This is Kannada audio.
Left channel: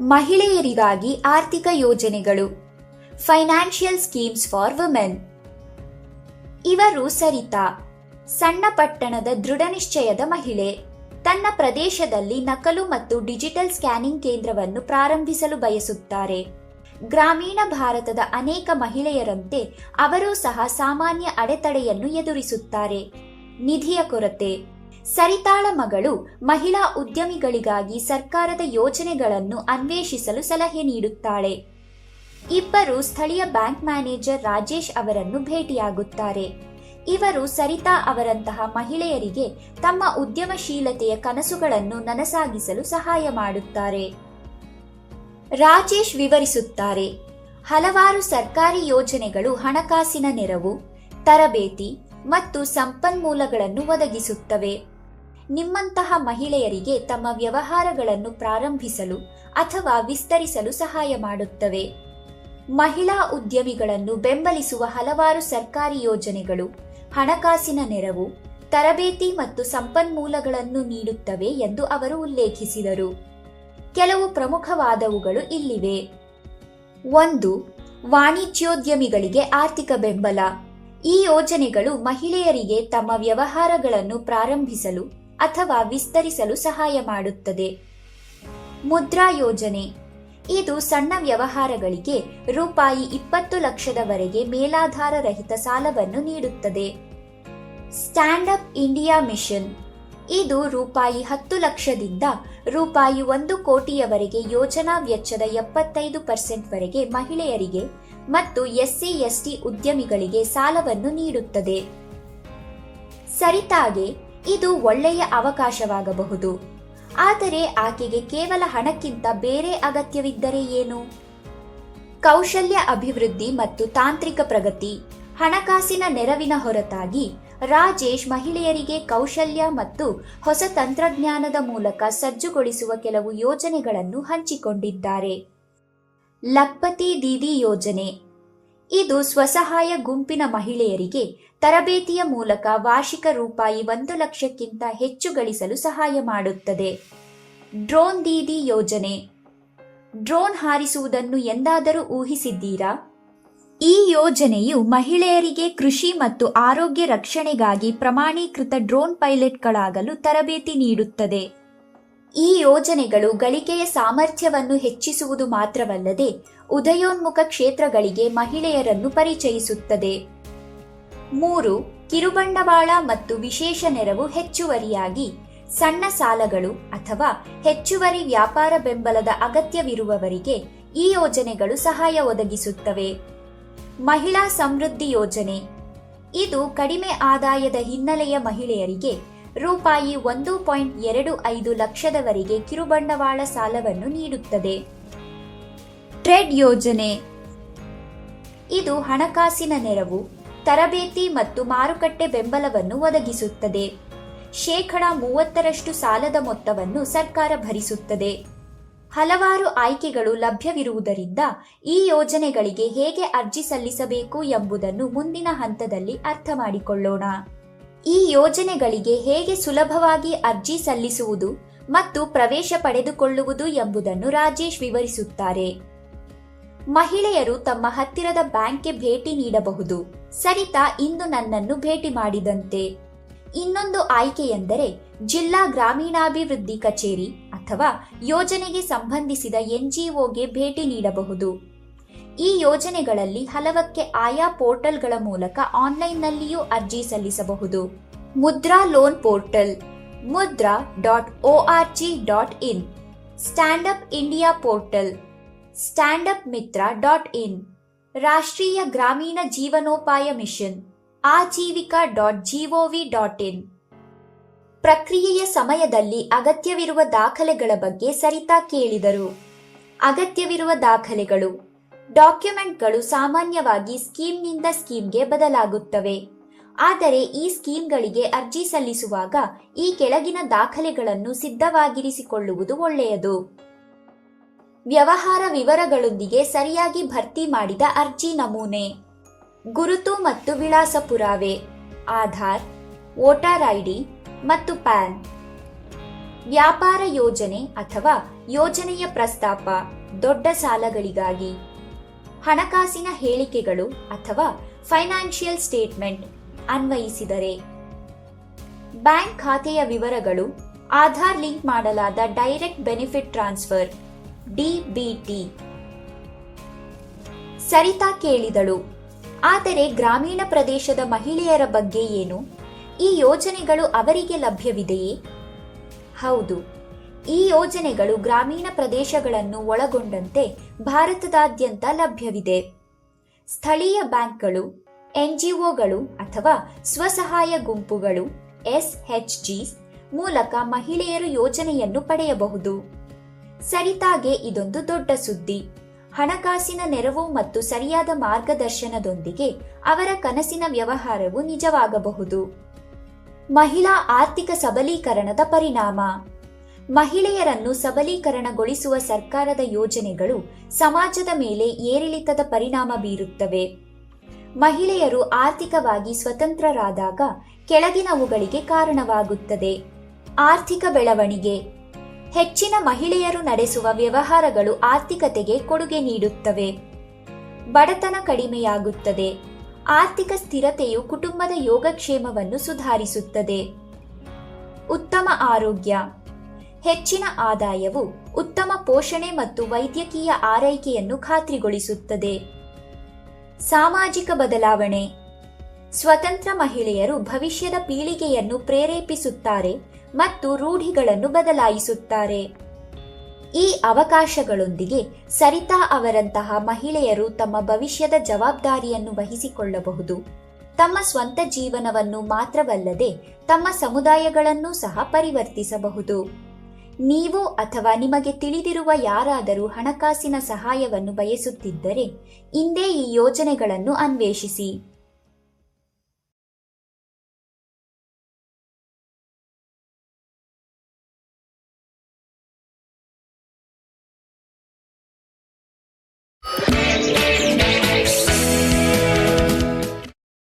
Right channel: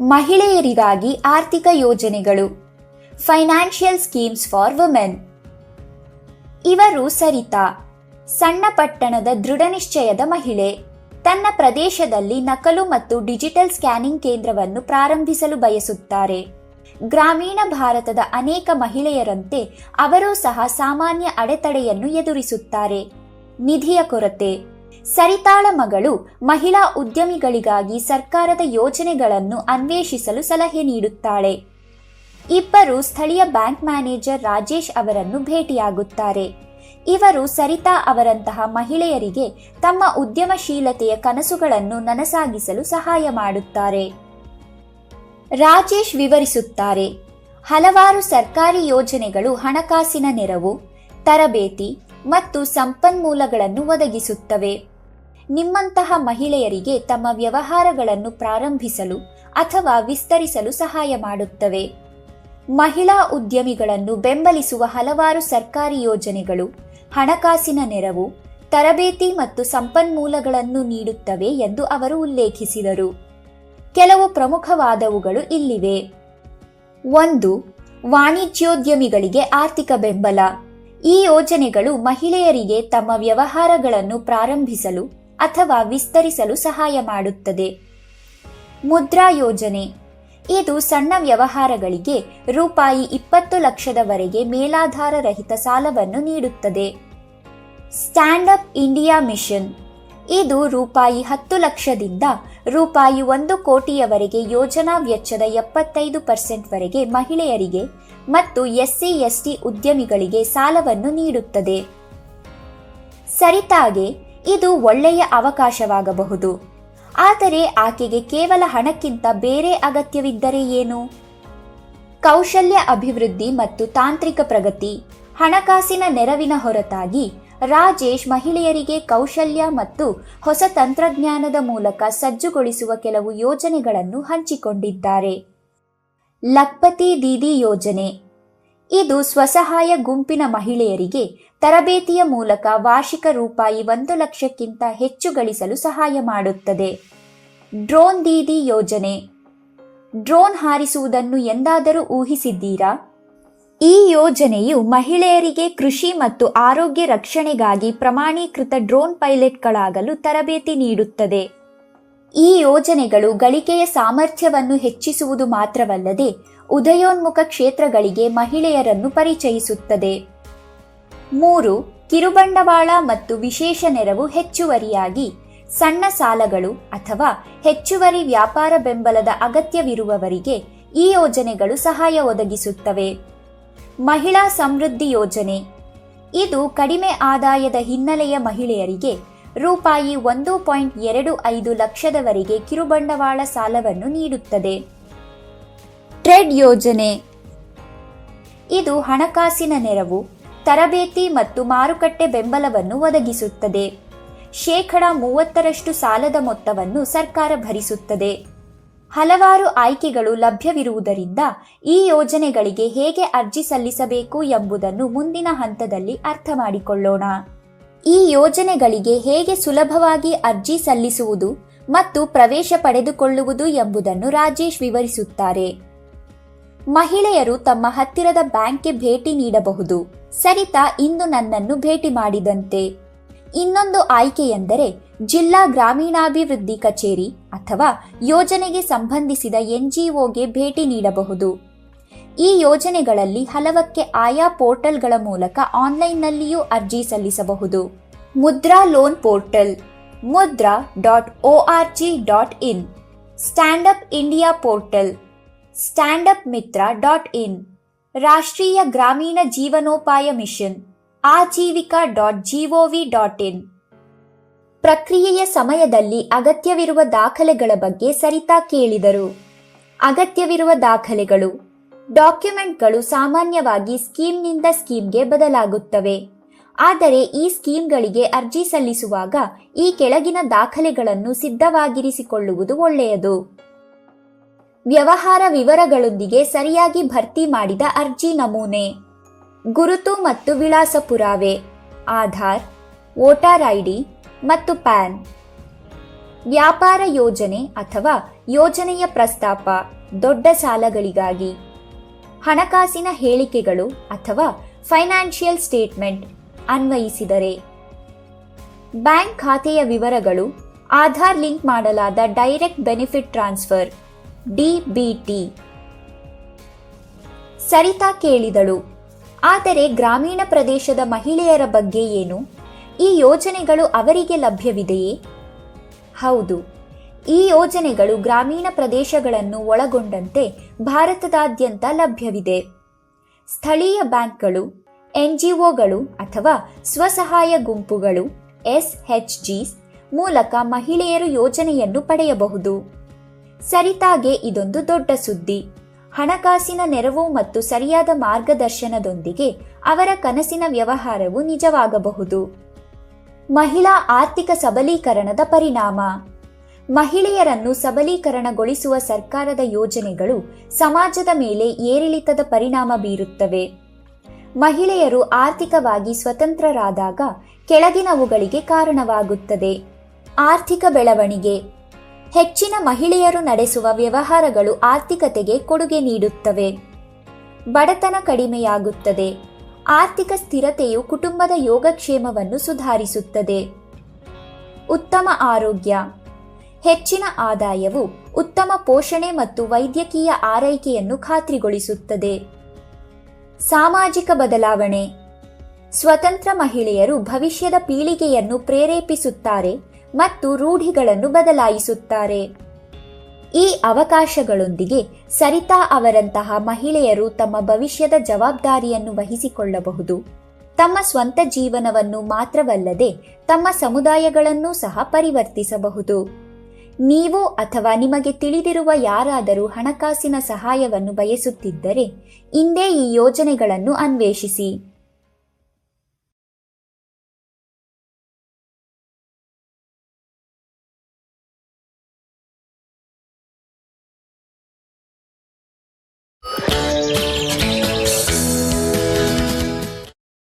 ಮಹಿಳೆಯರಿಗಾಗಿ ಆರ್ಥಿಕ ಯೋಜನೆಗಳು ಫೈನಾನ್ಷಿಯಲ್ ಸ್ಕೀಮ್ಸ್ ಫಾರ್ ವುಮೆನ್ ಇವರು ಸರಿತಾ, ಸಣ್ಣ ಪಟ್ಟಣದ ದೃಢನಿಶ್ಚಯದ ಮಹಿಳೆ. ತನ್ನ ಪ್ರದೇಶದಲ್ಲಿ ನಕಲು ಮತ್ತು ಡಿಜಿಟಲ್ ಸ್ಕ್ಯಾನಿಂಗ್ ಕೇಂದ್ರವನ್ನು ಪ್ರಾರಂಭಿಸಲು ಬಯಸುತ್ತಾರೆ. ಗ್ರಾಮೀಣ ಭಾರತದ ಅನೇಕ ಮಹಿಳೆಯರಂತೆ ಅವರೂ ಸಹ ಸಾಮಾನ್ಯ ಅಡೆತಡೆಯನ್ನು ಎದುರಿಸುತ್ತಾರೆ. ನಿಧಿಯ ಕೊರತೆ. ಸರಿತಾಳ ಮಗಳು ಮಹಿಳಾ ಉದ್ಯಮಿಗಳಿಗಾಗಿ ಸರ್ಕಾರದ ಯೋಜನೆಗಳನ್ನು ಅನ್ವೇಷಿಸಲು ಸಲಹೆ ನೀಡುತ್ತಾಳೆ. ಇಬ್ಬರು ಸ್ಥಳೀಯ ಬ್ಯಾಂಕ್ ಮ್ಯಾನೇಜರ್ ರಾಜೇಶ್ ಅವರನ್ನು ಭೇಟಿಯಾಗುತ್ತಾರೆ. ಇವರು ಸರಿತಾ ಅವರಂತಹ ಮಹಿಳೆಯರಿಗೆ ತಮ್ಮ ಉದ್ಯಮಶೀಲತೆಯ ಕನಸುಗಳನ್ನು ನನಸಾಗಿಸಲು ಸಹಾಯ ಮಾಡುತ್ತಾರೆ. ರಾಜೇಶ್ ವಿವರಿಸುತ್ತಾರೆ. ಹಲವಾರು ಸರ್ಕಾರಿ ಯೋಜನೆಗಳು ಹಣಕಾಸಿನ ನೆರವು, ತರಬೇತಿ ಮತ್ತು ಸಂಪನ್ಮೂಲಗಳನ್ನು ಒದಗಿಸುತ್ತವೆ. ನಿಮ್ಮಂತಹ ಮಹಿಳೆಯರಿಗೆ ತಮ್ಮ ವ್ಯವಹಾರಗಳನ್ನು ಪ್ರಾರಂಭಿಸಲು ಅಥವಾ ವಿಸ್ತರಿಸಲು ಸಹಾಯ ಮಾಡುತ್ತವೆ. ಮಹಿಳಾ ಉದ್ಯಮಿಗಳನ್ನು ಬೆಂಬಲಿಸುವ ಹಲವಾರು ಸರ್ಕಾರಿ ಯೋಜನೆಗಳು ಹಣಕಾಸಿನ ನೆರವು, ತರಬೇತಿ ಮತ್ತು ಸಂಪನ್ಮೂಲಗಳನ್ನು ನೀಡುತ್ತವೆ ಎಂದು ಅವರು ಉಲ್ಲೇಖಿಸಿದರು. ಕೆಲವು ಪ್ರಮುಖವಾದವುಗಳು ಇಲ್ಲಿವೆ. ಒಂದು, ವಾಣಿಜ್ಯೋದ್ಯಮಿಗಳಿಗೆ ಆರ್ಥಿಕ ಬೆಂಬಲ. ಈ ಯೋಜನೆಗಳು ಮಹಿಳೆಯರಿಗೆ ತಮ್ಮ ವ್ಯವಹಾರಗಳನ್ನು ಪ್ರಾರಂಭಿಸಲು ಅಥವಾ ವಿಸ್ತರಿಸಲು ಸಹಾಯ ಮಾಡುತ್ತದೆ. ಮುದ್ರಾ ಯೋಜನೆ. ಇದು ಸಣ್ಣ ವ್ಯವಹಾರಗಳಿಗೆ ರೂಪಾಯಿ ಇಪ್ಪತ್ತು ಲಕ್ಷದವರೆಗೆ ಮೇಲಾಧಾರ ರಹಿತ ಸಾಲವನ್ನು ನೀಡುತ್ತದೆ. Stand up India mission. ಇದು ರೂಪಾಯಿ ಹತ್ತು ಲಕ್ಷದಿಂದ ರೂಪಾಯಿ ಒಂದು ಕೋಟಿಯವರೆಗೆ ಯೋಜನಾ ವೆಚ್ಚದ ಎಪ್ಪತ್ತೈದು ಪರ್ಸೆಂಟ್ವರೆಗೆ ಮಹಿಳೆಯರಿಗೆ ಮತ್ತು ಎಸ್ಸಿ, ಎಸ್ಟಿ ಉದ್ಯಮಿಗಳಿಗೆ ಸಾಲವನ್ನು ನೀಡುತ್ತದೆ. ಸರಿತಾಗೆ ಇದು ಒಳ್ಳೆಯ ಅವಕಾಶವಾಗಬಹುದು. ಆದರೆ ಆಕೆಗೆ ಕೇವಲ ಹಣಕ್ಕಿಂತ ಬೇರೆ ಅಗತ್ಯವಿದ್ದರೆ ಏನು? ಕೌಶಲ್ಯ ಅಭಿವೃದ್ಧಿ ಮತ್ತು ತಾಂತ್ರಿಕ ಪ್ರಗತಿ, ಹಣಕಾಸಿನ ನೆರವಿನ ಹೊರತಾಗಿ ರಾಜೇಶ್ ಮಹಿಳೆಯರಿಗೆ ಕೌಶಲ್ಯ ಮತ್ತು ಹೊಸ ತಂತ್ರಜ್ಞಾನದ ಮೂಲಕ ಸಜ್ಜುಗೊಳಿಸುವ ಕೆಲವು ಯೋಜನೆಗಳನ್ನು ಹಂಚಿಕೊಂಡಿದ್ದಾರೆ. ಲಕ್ಪತಿ ದೀದಿ ಯೋಜನೆ ಇದು ಸ್ವಸಹಾಯ ಗುಂಪಿನ ಮಹಿಳೆಯರಿಗೆ ತರಬೇತಿಯ ಮೂಲಕ ವಾರ್ಷಿಕ ರೂಪಾಯಿ ಒಂದು ಲಕ್ಷಕ್ಕಿಂತ ಹೆಚ್ಚು ಗಳಿಸಲು ಸಹಾಯ ಮಾಡುತ್ತದೆ. ಡ್ರೋನ್ ದೀದಿ ಯೋಜನೆ. ಡ್ರೋನ್ ಹಾರಿಸುವುದನ್ನು ಎಂದಾದರೂ ಊಹಿಸಿದ್ದೀರಾ? ಈ ಯೋಜನೆಯು ಮಹಿಳೆಯರಿಗೆ ಕೃಷಿ ಮತ್ತು ಆರೋಗ್ಯ ರಕ್ಷಣೆಗಾಗಿ ಪ್ರಮಾಣೀಕೃತ ಡ್ರೋನ್ ಪೈಲಟ್ಗಳಾಗಲು ತರಬೇತಿ ನೀಡುತ್ತದೆ. ಈ ಯೋಜನೆಗಳು ಗಳಿಕೆಯ ಸಾಮರ್ಥ್ಯವನ್ನು ಹೆಚ್ಚಿಸುವುದು ಮಾತ್ರವಲ್ಲದೆ ಉದಯೋನ್ಮುಖ ಕ್ಷೇತ್ರಗಳಿಗೆ ಮಹಿಳೆಯರನ್ನು ಪರಿಚಯಿಸುತ್ತದೆ. ಮೂರು, ಕಿರುಬಂಡವಾಳ ಮತ್ತು ವಿಶೇಷ ನೆರವು ಹೆಚ್ಚುವರಿಯಾಗಿ ಸಣ್ಣ ಸಾಲಗಳು ಅಥವಾ ಹೆಚ್ಚುವರಿ ವ್ಯಾಪಾರ ಬೆಂಬಲದ ಅಗತ್ಯವಿರುವವರಿಗೆ ಈ ಯೋಜನೆಗಳು ಸಹಾಯ ಒದಗಿಸುತ್ತವೆ. ಮಹಿಳಾ ಸಮೃದ್ಧಿ ಯೋಜನೆ. ಇದು ಕಡಿಮೆ ಆದಾಯದ ಹಿನ್ನೆಲೆಯ ಮಹಿಳೆಯರಿಗೆ ರೂಪಾಯಿ ಒಂದು ಪಾಯಿಂಟ್ ಎರಡು ಐದು ಲಕ್ಷದವರೆಗೆ ಕಿರುಬಂಡವಾಳ ಸಾಲವನ್ನು ನೀಡುತ್ತದೆ. ಟ್ರೆಡ್ ಯೋಜನೆ. ಇದು ಹಣಕಾಸಿನ ನೆರವು, ತರಬೇತಿ ಮತ್ತು ಮಾರುಕಟ್ಟೆ ಬೆಂಬಲವನ್ನು ಒದಗಿಸುತ್ತದೆ. ಶೇಕಡ ಮೂವತ್ತರಷ್ಟು ಸಾಲದ ಮೊತ್ತವನ್ನು ಸರ್ಕಾರ ಭರಿಸುತ್ತದೆ. ಹಲವಾರು ಆಯ್ಕೆಗಳು ಲಭ್ಯವಿರುವುದರಿಂದ ಈ ಯೋಜನೆಗಳಿಗೆ ಹೇಗೆ ಅರ್ಜಿ ಸಲ್ಲಿಸಬೇಕು ಎಂಬುದನ್ನು ಮುಂದಿನ ಹಂತದಲ್ಲಿ ಅರ್ಥ ಮಾಡಿಕೊಳ್ಳೋಣ ಈ ಯೋಜನೆಗಳಿಗೆ ಹೇಗೆ ಸುಲಭವಾಗಿ ಅರ್ಜಿ ಸಲ್ಲಿಸುವುದು ಮತ್ತು ಪ್ರವೇಶ ಪಡೆದುಕೊಳ್ಳುವುದು ಎಂಬುದನ್ನು ರಾಜೇಶ್ ವಿವರಿಸುತ್ತಾರೆ. ಮಹಿಳೆಯರು ತಮ್ಮ ಹತ್ತಿರದ ಬ್ಯಾಂಕ್ಗೆ ಭೇಟಿ ನೀಡಬಹುದು. ಸರಿತಾ ಇಂದು ನನ್ನನ್ನು ಭೇಟಿ ಮಾಡಿದಂತೆ. ಇನ್ನೊಂದು ಆಯ್ಕೆಯೆಂದರೆ, ಜಿಲ್ಲಾ ಗ್ರಾಮೀಣಾಭಿವೃದ್ಧಿ ಕಚೇರಿ ಅಥವಾ ಯೋಜನೆಗೆ ಸಂಬಂಧಿಸಿದ ಎನ್ಜಿಒಗೆ ಭೇಟಿ ನೀಡಬಹುದು. ಈ ಯೋಜನೆಗಳಲ್ಲಿ ಹಲವಕ್ಕೆ ಆಯಾ ಪೋರ್ಟಲ್ಗಳ ಮೂಲಕ ಆನ್ಲೈನ್ನಲ್ಲಿಯೂ ಅರ್ಜಿ ಸಲ್ಲಿಸಬಹುದು. Mudra loan portal Mudra dot O R G dot in. Stand up India portal stand up Mitra dot in ರಾಷ್ಟ್ರೀಯ ಗ್ರಾಮೀಣ ಜೀವನೋಪಾಯ mission Aajeevika dot G O V dot in ಪ್ರಕ್ರಿಯೆಯ ಸಮಯದಲ್ಲಿ ಅಗತ್ಯವಿರುವ ದಾಖಲೆಗಳ ಬಗ್ಗೆ ಸರಿತಾ ಕೇಳಿದರು. ಅಗತ್ಯವಿರುವ ದಾಖಲೆಗಳು, ಡಾಕ್ಯುಮೆಂಟ್ಗಳು ಸಾಮಾನ್ಯವಾಗಿ ಸ್ಕೀಮ್ನಿಂದ ಸ್ಕೀಮ್ಗೆ ಬದಲಾಗುತ್ತವೆ. ಆದರೆ ಈ ಸ್ಕೀಮ್ಗಳಿಗೆ ಅರ್ಜಿ ಸಲ್ಲಿಸುವಾಗ ಈ ಕೆಳಗಿನ ದಾಖಲೆಗಳನ್ನು ಸಿದ್ಧವಾಗಿರಿಸಿಕೊಳ್ಳುವುದು ಒಳ್ಳೆಯದು. ವ್ಯವಹಾರ ವಿವರಗಳೊಂದಿಗೆ ಸರಿಯಾಗಿ ಭರ್ತಿ ಮಾಡಿದ ಅರ್ಜಿ ನಮೂನೆ. ಗುರುತು ಮತ್ತು ವಿಳಾಸ ಪುರಾವೆ ಆಧಾರ್, ವೋಟರ್ ಐಡಿ ಮತ್ತು ಪ್ಯಾನ್. ವ್ಯಾಪಾರ ಯೋಜನೆ ಅಥವಾ ಯೋಜನೆಯ ಪ್ರಸ್ತಾಪ, ದೊಡ್ಡ ಸಾಲಗಳಿಗಾಗಿ. ಹಣಕಾಸಿನ ಹೇಳಿಕೆಗಳು ಅಥವಾ ಫೈನಾನ್ಷಿಯಲ್ ಸ್ಟೇಟ್ಮೆಂಟ್ ಅನ್ವಯಿಸಿದರೆ. ಬ್ಯಾಂಕ್ ಖಾತೆಯ ವಿವರಗಳು, ಆಧಾರ್ ಲಿಂಕ್ ಮಾಡಲಾದ direct benefit transfer. DBT Sarita ಕೇಳಿದಳು. ಆದರೆ ಗ್ರಾಮೀಣ ಪ್ರದೇಶದ ಮಹಿಳೆಯರ ಬಗ್ಗೆ ಏನು? ಈ ಯೋಜನೆಗಳು ಅವರಿಗೆ ಲಭ್ಯವಿದೆಯೇ? ಹೌದು. ಈ ಯೋಜನೆಗಳು ಗ್ರಾಮೀಣ ಪ್ರದೇಶಗಳನ್ನು ಒಳಗೊಂಡಂತೆ ಭಾರತದಾದ್ಯಂತ ಲಭ್ಯವಿದೆ. ಸ್ಥಳೀಯ ಬ್ಯಾಂಕ್ಗಳು, ಎನ್ಜಿಒಗಳು ಅಥವಾ ಸ್ವಸಹಾಯ ಗುಂಪುಗಳು ಎಸ್ಎಚ್ಜಿ ಮೂಲಕ ಮಹಿಳೆಯರು ಯೋಜನೆಯನ್ನು ಪಡೆಯಬಹುದು. ಸರಿತಾಗೆ ಇದೊಂದು ದೊಡ್ಡ ಸುದ್ದಿ. ಹಣಕಾಸಿನ ನೆರವು ಮತ್ತು ಸರಿಯಾದ ಮಾರ್ಗದರ್ಶನದೊಂದಿಗೆ ಅವರ ಕನಸಿನ ವ್ಯವಹಾರವು ನಿಜವಾಗಬಹುದು. ಮಹಿಳಾ ಆರ್ಥಿಕ ಸಬಲೀಕರಣದ ಪರಿಣಾಮ. ಮಹಿಳೆಯರನ್ನು ಸಬಲೀಕರಣಗೊಳಿಸುವ ಸರ್ಕಾರದ ಯೋಜನೆಗಳು ಸಮಾಜದ ಮೇಲೆ ಏರಿಳಿತದ ಪರಿಣಾಮ ಬೀರುತ್ತವೆ. ಮಹಿಳೆಯರು ಆರ್ಥಿಕವಾಗಿ ಸ್ವತಂತ್ರರಾದಾಗ ಕೆಳಗಿನವುಗಳಿಗೆ ಕಾರಣವಾಗುತ್ತದೆ. ಆರ್ಥಿಕ ಬೆಳವಣಿಗೆ. ಹೆಚ್ಚಿನ ಮಹಿಳೆಯರು ನಡೆಸುವ ವ್ಯವಹಾರಗಳು ಆರ್ಥಿಕತೆಗೆ ಕೊಡುಗೆ ನೀಡುತ್ತವೆ. ಬಡತನ ಕಡಿಮೆಯಾಗುತ್ತದೆ. ಆರ್ಥಿಕ ಸ್ಥಿರತೆಯು ಕುಟುಂಬದ ಯೋಗಕ್ಷೇಮವನ್ನು ಸುಧಾರಿಸುತ್ತದೆ. ಉತ್ತಮ ಆರೋಗ್ಯ. ಹೆಚ್ಚಿನ ಆದಾಯವು ಉತ್ತಮ ಪೋಷಣೆ ಮತ್ತು ವೈದ್ಯಕೀಯ ಆರೈಕೆಯನ್ನು ಖಾತ್ರಿಗೊಳಿಸುತ್ತದೆ. ಸಾಮಾಜಿಕ ಬದಲಾವಣೆ. ಸ್ವತಂತ್ರ ಮಹಿಳೆಯರು ಭವಿಷ್ಯದ ಪೀಳಿಗೆಯನ್ನು ಪ್ರೇರೇಪಿಸುತ್ತಾರೆ ಮತ್ತು ರೂಢಿಗಳನ್ನು ಬದಲಾಯಿಸುತ್ತಾರೆ. ಈ ಅವಕಾಶಗಳೊಂದಿಗೆ ಸರಿತಾ ಅವರಂತಹ ಮಹಿಳೆಯರು ತಮ್ಮ ಭವಿಷ್ಯದ ಜವಾಬ್ದಾರಿಯನ್ನು ವಹಿಸಿಕೊಳ್ಳಬಹುದು. ತಮ್ಮ ಸ್ವಂತ ಜೀವನವನ್ನು ಮಾತ್ರವಲ್ಲದೆ ತಮ್ಮ ಸಮುದಾಯಗಳನ್ನೂ ಸಹ ಪರಿವರ್ತಿಸಬಹುದು. ನೀವು ಅಥವಾ ನಿಮಗೆ ತಿಳಿದಿರುವ ಯಾರಾದರೂ ಹಣಕಾಸಿನ ಸಹಾಯವನ್ನು ಬಯಸುತ್ತಿದ್ದರೆ ಇಂದೇ ಈ ಯೋಜನೆಗಳನ್ನು ಅನ್ವೇಷಿಸಿ.